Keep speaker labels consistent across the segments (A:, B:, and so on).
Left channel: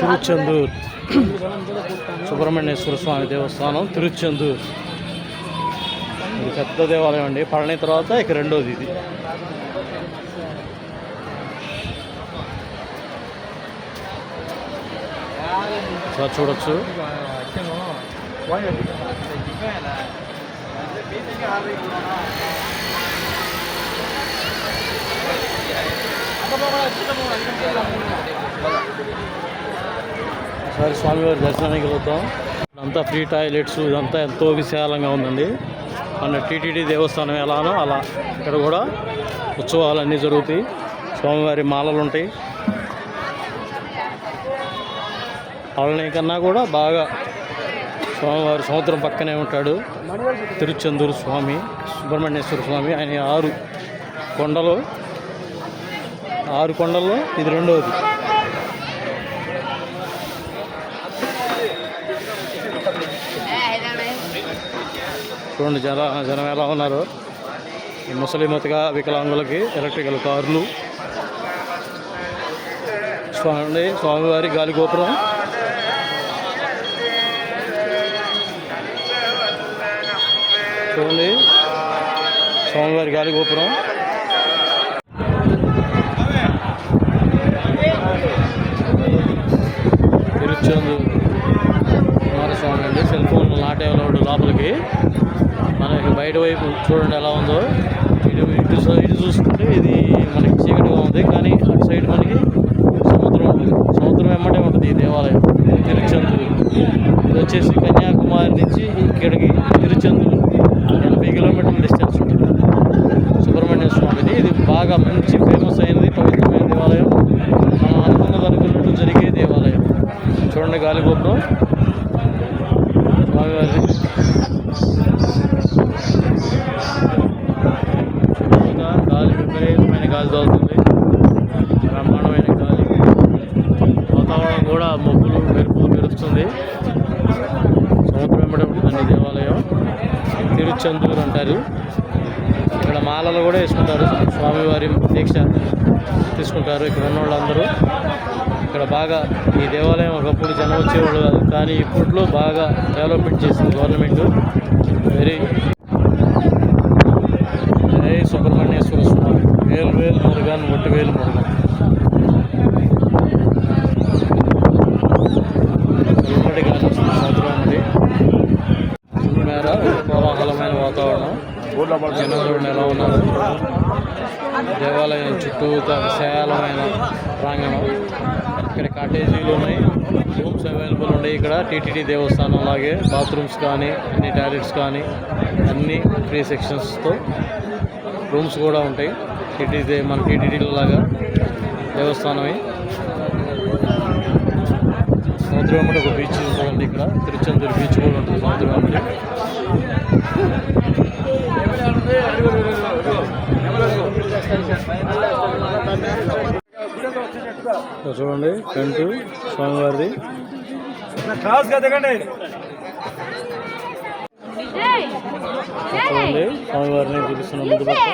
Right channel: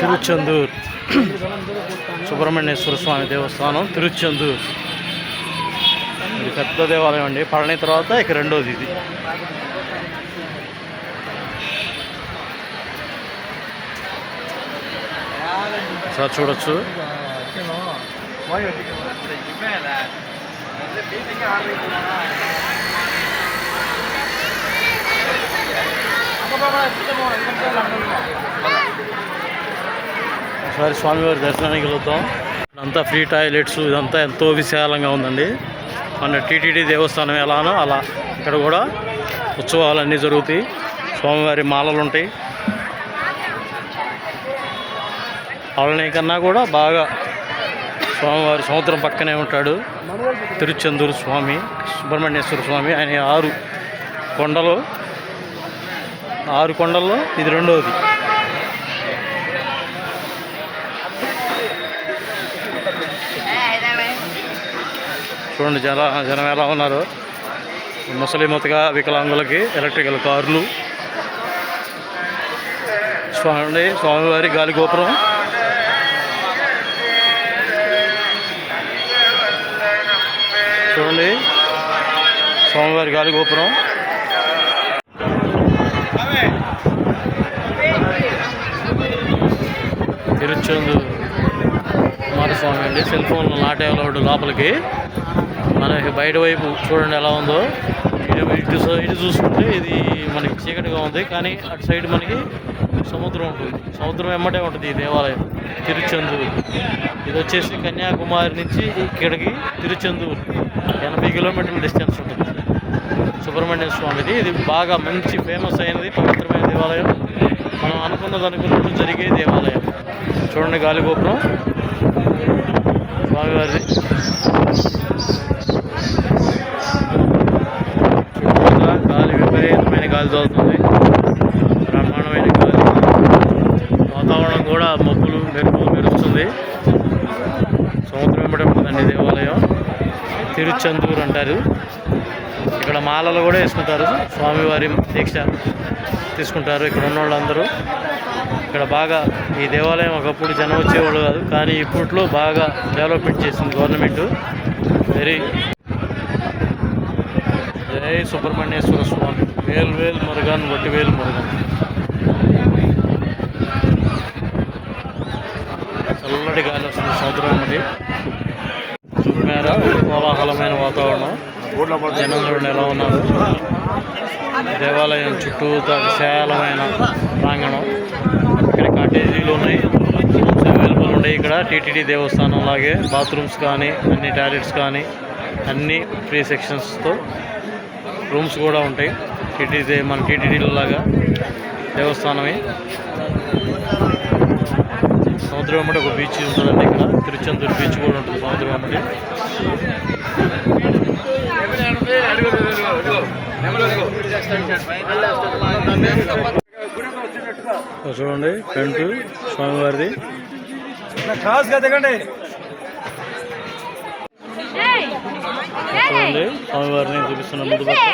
A: తిరుచెందూర్ సుబ్రహ్మణ్యేశ్వర స్వామి దేవస్థానం తిరుచెందూర్. ఇది పెద్ద దేవాలయం అండి. పళని తర్వాత ఇక రెండోది ఇది. సార్ చూడొచ్చు. ఒకసారి స్వామివారి దర్శనానికి వెళ్తాం. అంతా ఫ్రీ టాయిలెట్స్ ఇదంతా ఎంతో విశాలంగా ఉందండి. మన టీటీడీ దేవస్థానం ఎలానో అలా ఇక్కడ కూడా ఉత్సవాలు అన్నీ జరుగుతాయి. స్వామివారి మాలలు ఉంటాయి. పళని కన్నా కూడా బాగా స్వామివారి సముద్రం పక్కనే ఉంటాడు. తిరుచెందూరు స్వామి సుబ్రహ్మణ్యేశ్వర స్వామి ఆయన ఆరు కొండలు ఆరు కొండల్లో ఇది రెండవది చూడండి జన జనం ఎలా ఉన్నారు. ముసలిమతగా వికలాంగులకి ఎలక్ట్రికల్ కార్లు. స్వామి స్వామివారి గాలి గోపురం. చూడండి. స్వామివారి గాలి గోపురం. తిరుచందు స్వామి అండి. సెల్ ఫోన్ నాటేవాళ్ళు లోపలికి. మనకి బయట వైపు చూడండి ఎలా ఉందో. ఇటు ఇటు సై- ఇటు చూసుకుంటే ఇది మనకి చీకటిగా ఉంది. కానీ అటు సైడ్ మనకి సముద్రం ఉంటుంది. సముద్రం వెంబడే ఉంటుంది ఈ దేవాలయం. తిరుచందూరు. ఇది వచ్చేసి కన్యాకుమారి నుంచి ఇక్కడికి తిరుచందూరు. ఎనభై కిలోమీటర్ల డిస్టెన్స్ ఉంటుంది. సుబ్రహ్మణ్య స్వామిది. ఇది బాగా మంచి ఫేమస్ అయినది పవిత్రమైన దేవాలయం. మనం అనుకున్నది అనుకున్నట్టు జరిగే దేవాలయం. చూడండి గాలి గోపురం స్వామివారిది గాలి విపరీతమైన గాలి తోలుతుంది. బ్రహ్మాండమైన గాలి. వాతావరణం కూడా మబ్బులు మెరుపులు మెరుస్తుంది. సముద్రం వెంబడి ఉంటుందండి దేవాలయం. తిరుచందూరు అంటారు. ఇక్కడ మాలలు కూడా వేసుకుంటారు. స్వామివారి దీక్ష తీసుకుంటారు ఇక్కడ ఉన్న వాళ్ళందరూ ఇక్కడ బాగా ఈ దేవాలయం ఒకప్పుడు జనం వచ్చేవాళ్ళు కాదు కానీ ఇప్పట్లో బాగా డెవలప్మెంట్ చేసింది గవర్నమెంట్ వెరీ జై సుబ్రహ్మణ్యేశ్వర స్వామి. వేలు వేలు మురుగన్ ఒట్టి వేలు మురుగన్. చల్లటి గాలి వస్తుంది సముద్రం వెంబడి చూపుమేర కోలాహలమైన వాతావరణం. జనం చూడండి ఎలా ఉన్నారు? దేవాలయం చుట్టూతా విశాలమైన ప్రాంగణం. ఇక్కడ కాటేజీలు ఉన్నాయి. రూమ్స్ అవైలబుల్ ఉన్నాయి ఇక్కడ. టీటీడీ దేవస్థానం లాగే బాత్రూమ్స్ కానీ అన్ని టాయిలెట్స్ కానీ అన్ని ఫ్రీ సెక్షన్స్తో రూమ్స్ కూడా ఉంటాయి. టీటీడీ మన టీటీడీలో లాగా దేవస్థానమే. సముద్రం వెంబడి ఒక బీచ్ ఉంటుందండి ఇక్కడ. తిరుచందూరు బీచ్ కూడా ఉంటుంది సముద్రం వెంబడి చూడండి ఫ్రంట్ స్వామివారిది. ఇక్కడ చూడండి స్వామివారిని చూపిస్తున్న ముందు పక్క.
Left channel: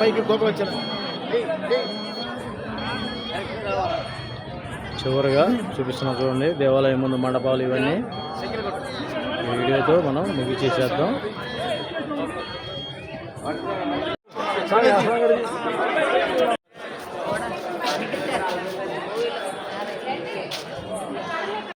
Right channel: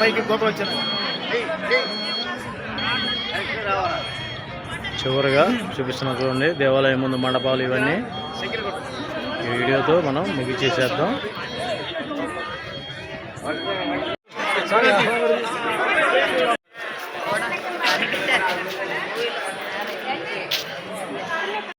B: పైకి గోపురం వచ్చారు
A: చివరిగా చూపిస్తున్నా చూడండి దేవాలయం ముందు మండపాలు ఇవన్నీ. ఈ వీడియోతో మనం ముగిచేసేద్దాం.